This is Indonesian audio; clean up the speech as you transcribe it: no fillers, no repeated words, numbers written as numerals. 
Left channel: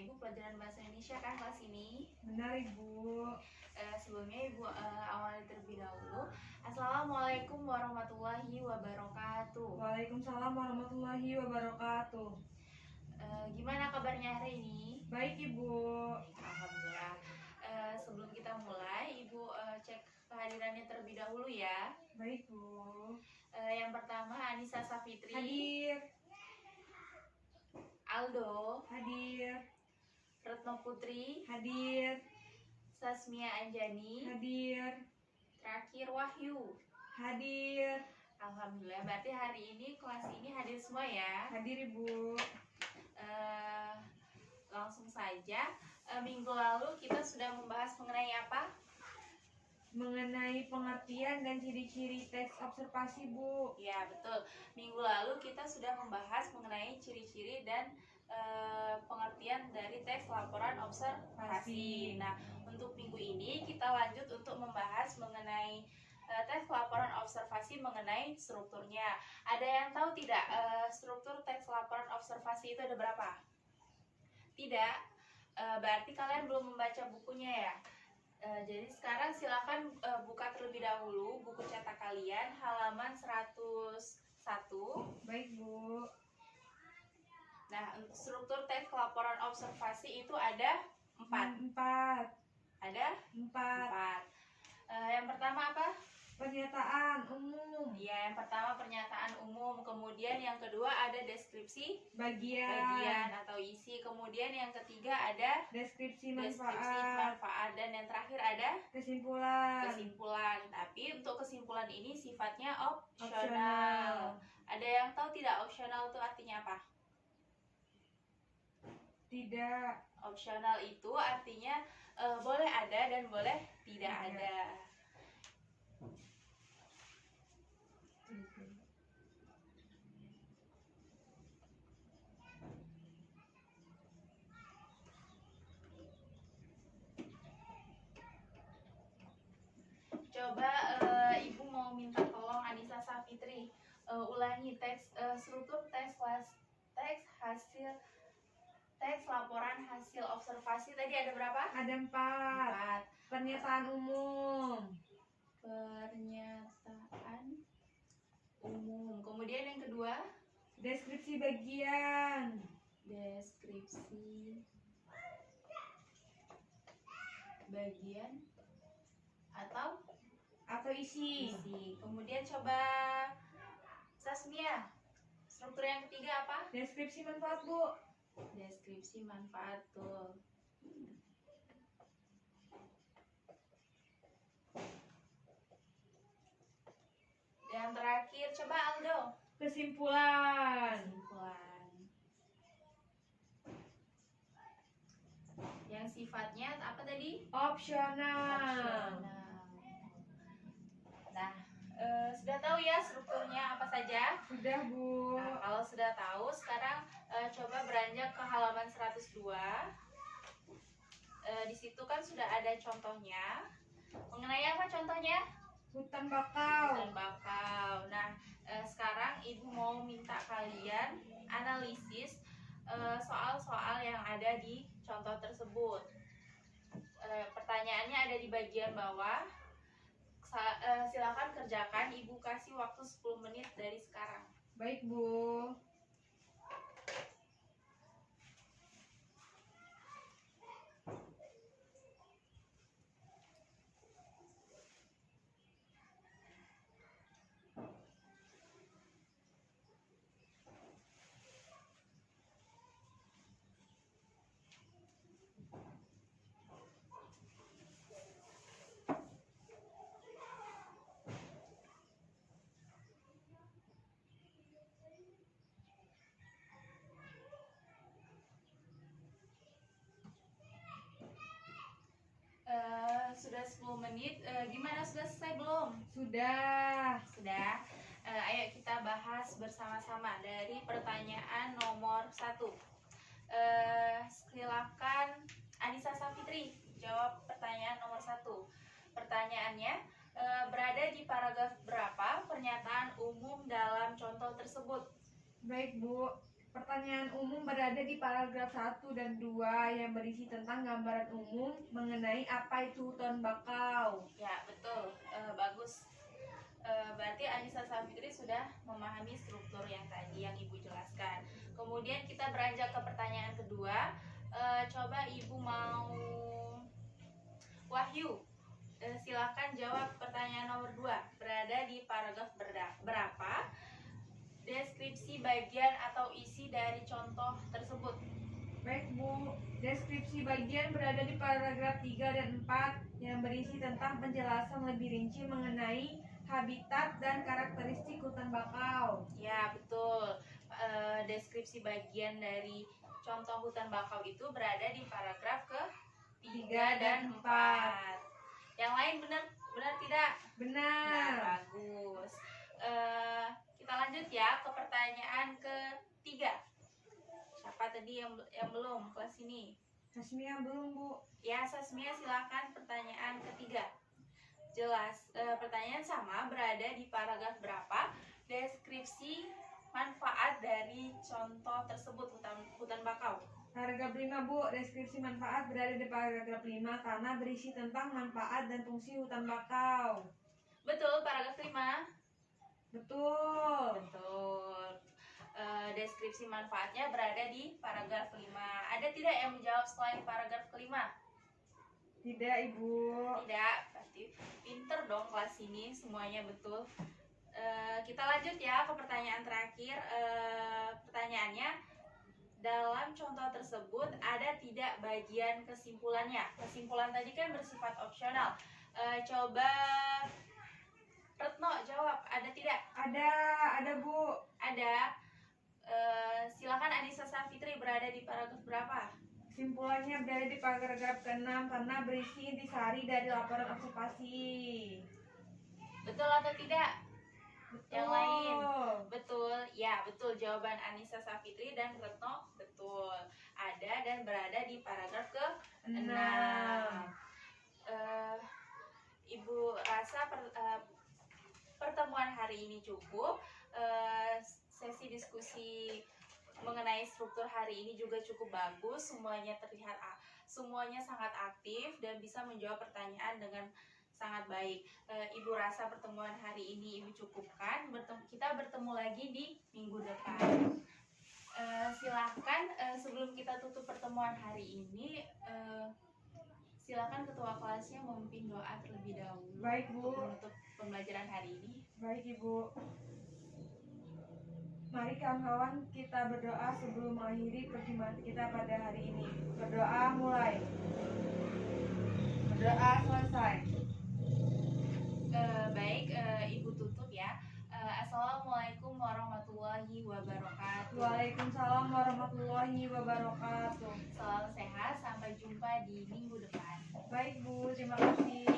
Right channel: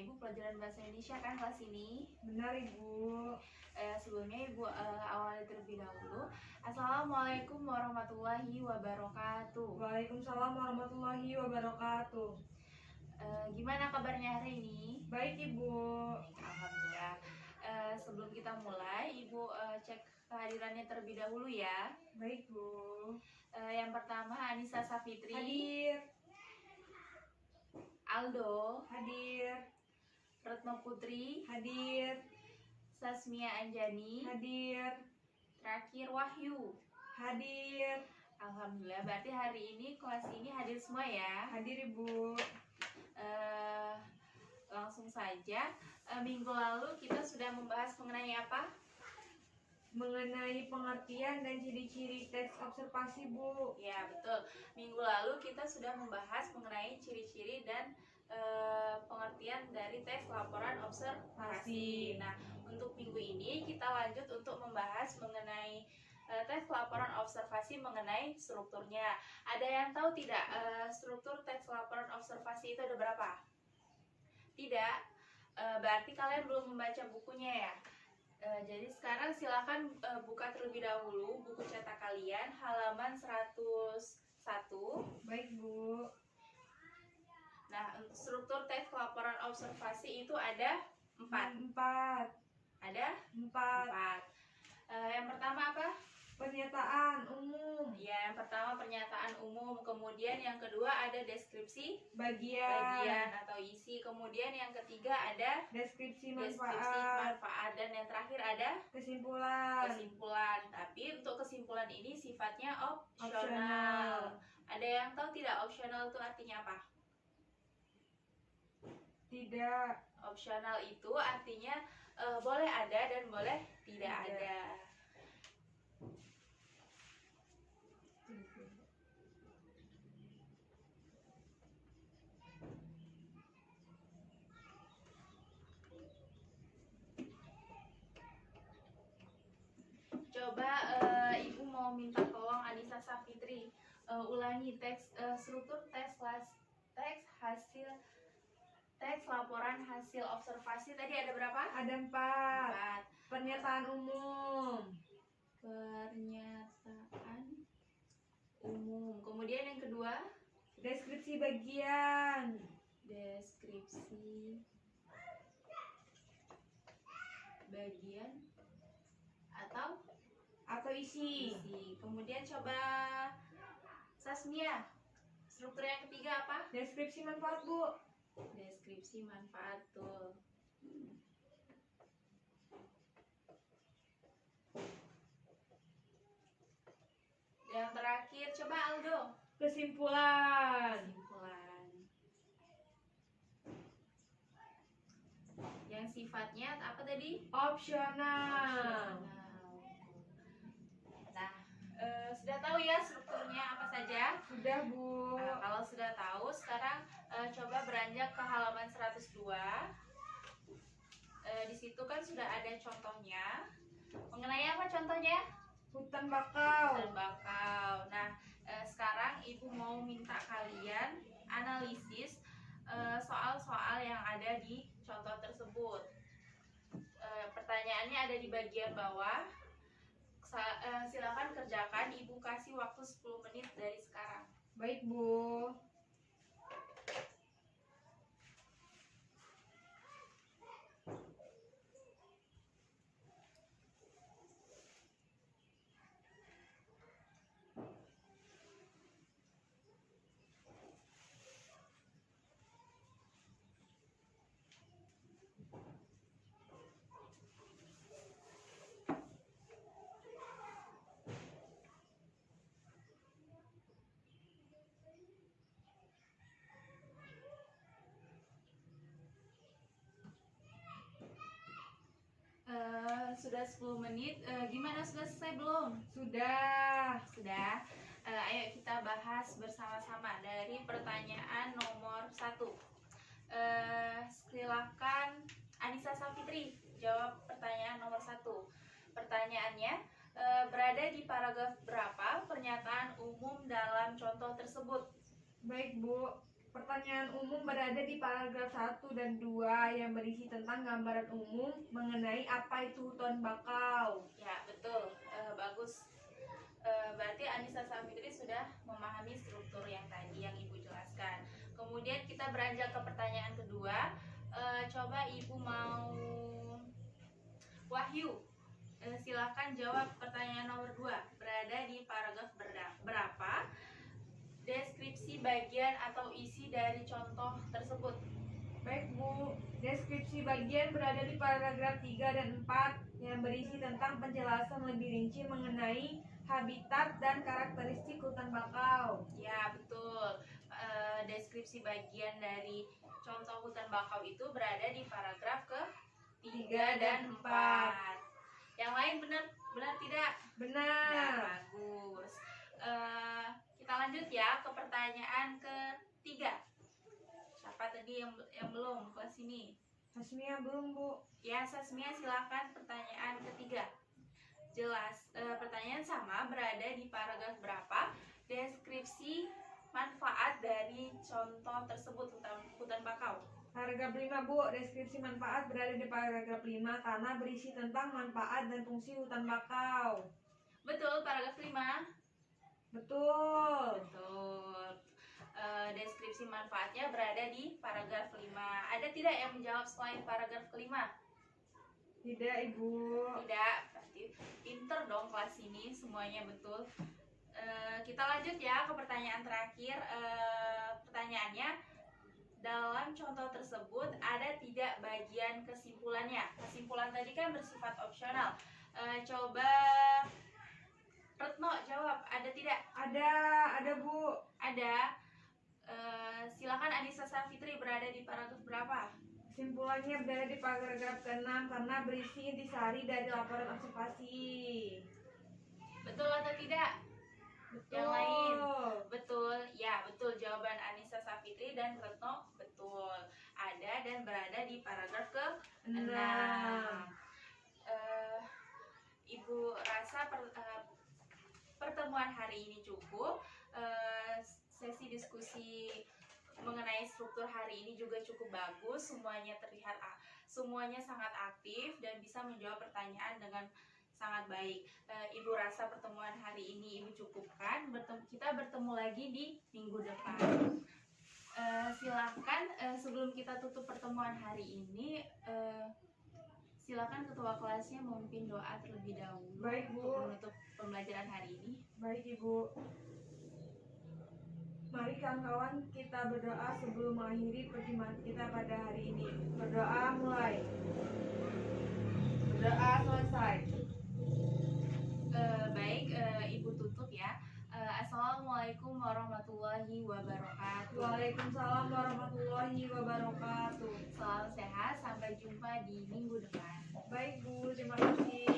Ibu pelajaran bahasa Indonesia kan kelas ini? Benar Ibu. Sebelumnya Ibu awali terlebih dahulu. Assalamualaikum warahmatullahi wabarakatuh. Waalaikumsalam warahmatullahi wabarakatuh. Gimana kabarnya hari ini? Baik Ibu. Alhamdulillah. Sebelum kita mulai, Ibu cek kehadirannya terlebih dahulu ya. Baik Bu. Yang pertama Anissa Safitri. Hadir. Aldo. Hadir. Retno Putri. Hadir. Sasmia Anjani. Hadir. Terakhir Wahyu. Hadir. Alhamdulillah, berarti hari ini kelas ini hadir semua ya. Hadir Ibu. Langsung saja, minggu lalu kita sudah membahas mengenai apa? Mengenai pengertian dan ciri-ciri teks observasi Bu. Ya betul, minggu lalu kita sudah membahas mengenai ciri-ciri dan pengertian dari teks laporan observasi. Nah, untuk minggu ini kita lanjut untuk membahas mengenai teks laporan observasi mengenai strukturnya. Ada yang tahu tidak struktur teks laporan observasi itu ada berapa? Tidak, berarti kalian belum membaca bukunya ya. Jadi sekarang silakan buka terlebih dahulu buku cetak kalian halaman 101. Baik Bu. Nah, untuk struktur teks laporan observasi itu ada 4. Ada 4. Yang pertama apa? Pernyataan umum. Ya, yang pertama pernyataan umum, kemudian yang kedua ada deskripsi Bagian atau isi, kemudian yang ketiga ada deskripsi manfaat, manfaat. dan yang terakhir ada Kesimpulan. Tapi untuk kesimpulan ini sifatnya opsional. Opsional. Ada yang tahu tidak opsional itu artinya apa? Tidak. Opsional itu artinya boleh ada dan boleh tidak ada. Coba Ibu mau minta tolong Anissa Safitri ulangi struktur teks laporan hasil observasi tadi ada berapa? Ada 4. Pernyataan umum. Pernyataan umum. Kemudian yang kedua, Deskripsi bagian. deskripsi bagian atau isi. Kemudian coba Sasmia, struktur yang ketiga apa? Deskripsi manfaat Bu. Deskripsi manfaat tuh. Yang terakhir coba Aldo. Kesimpulan. Yang sifatnya apa tadi? Opsional. Nah, sudah tahu ya strukturnya apa saja? Sudah Bu. Nah, kalau sudah tahu, sekarang coba beranjak ke halaman 102. Di situ kan sudah ada contohnya. Mengenai apa contohnya? Hutan bakau. Nah, sekarang Ibu mau minta kalian analisis soal-soal yang ada di contoh tersebut. Pertanyaannya ada di bagian bawah. Silakan kerjakan. Ibu kasih waktu 10 menit dari sekarang. Baik Bu. Sudah 10 menit. Gimana, sudah selesai belum? Sudah. Ayo kita bahas bersama-sama dari pertanyaan nomor 1. Silakan Anissa Safitri jawab pertanyaan nomor 1. Pertanyaannya, berada di paragraf berapa pernyataan umum dalam contoh tersebut? Baik Bu. Pertanyaan umum berada di paragraf 1 dan 2 yang berisi tentang gambaran umum mengenai apa itu hutan bakau. Ya, betul. Bagus. Berarti Anissa Safitri sudah memahami struktur yang tadi yang Ibu jelaskan. Kemudian kita beranjak ke pertanyaan kedua. Coba Ibu mau Wahyu, silakan jawab pertanyaan nomor 2. Berada di paragraf berapa? Deskripsi bagian atau isi dari contoh tersebut. Baik Bu, deskripsi bagian berada di paragraf 3 dan 4 yang berisi tentang penjelasan lebih rinci mengenai habitat dan karakteristik hutan bakau. Ya, betul. Deskripsi bagian dari contoh hutan bakau itu berada di paragraf ke 3 dan 4. Yang lain benar tidak? Benar. Bagus. Kita lanjut ya ke pertanyaan ketiga. Siapa tadi yang belum kelas ini? Hasmia belum Bu. Ya, Sasmia silakan pertanyaan ketiga. Jelas, pertanyaan sama berada di paragraf berapa? Deskripsi manfaat dari contoh tersebut hutan bakau. Paragraf 5 Bu, deskripsi manfaat berada di paragraf 5 karena berisi tentang manfaat dan fungsi hutan bakau. Betul, paragraf 5. Betul. Betul. Deskripsi manfaatnya berada di paragraf 5. Ada tidak yang menjawab selain paragraf kelima? Tidak Ibu. Tidak, pasti pinter dong kelas ini, semuanya betul. Kita lanjut ya ke pertanyaan terakhir. Pertanyaannya, dalam contoh tersebut ada tidak bagian kesimpulannya? Kesimpulan tadi kan bersifat opsional. Coba Retno jawab, ada tidak? Ada Bu. Ada. Silakan Anissa Safitri, berada di paragraf berapa? Kesimpulannya berada di paragraf ke-6 karena berisi intisari dari laporan observasi. Betul atau tidak? Betul. Yang lain? Betul. Ya, betul. Jawaban Anissa Safitri dan Retno betul. Ada dan berada di paragraf ke-6. Ibu rasa pertemuan hari ini cukup. Sesi diskusi mengenai struktur hari ini juga cukup bagus. Semuanya sangat aktif dan bisa menjawab pertanyaan dengan sangat baik. Ibu rasa pertemuan hari ini Ibu cukupkan. Kita bertemu lagi di minggu depan. Silakan sebelum kita tutup pertemuan hari ini, silakan ketua kelasnya memimpin doa terlebih dahulu. Baik, Bu. Untuk menutup pembelajaran hari ini. Baik Ibu. Mari kawan-kawan kita berdoa sebelum mengakhiri perjumpaan kita pada hari ini. Berdoa mulai. Berdoa selesai. Baik, Ibu tutup ya. Assalamualaikum warahmatullahi wabarakatuh. Waalaikumsalam warahmatullahi wabarakatuh. Salam sehat, sampai jumpa di minggu depan. Baik Bu, terima kasih.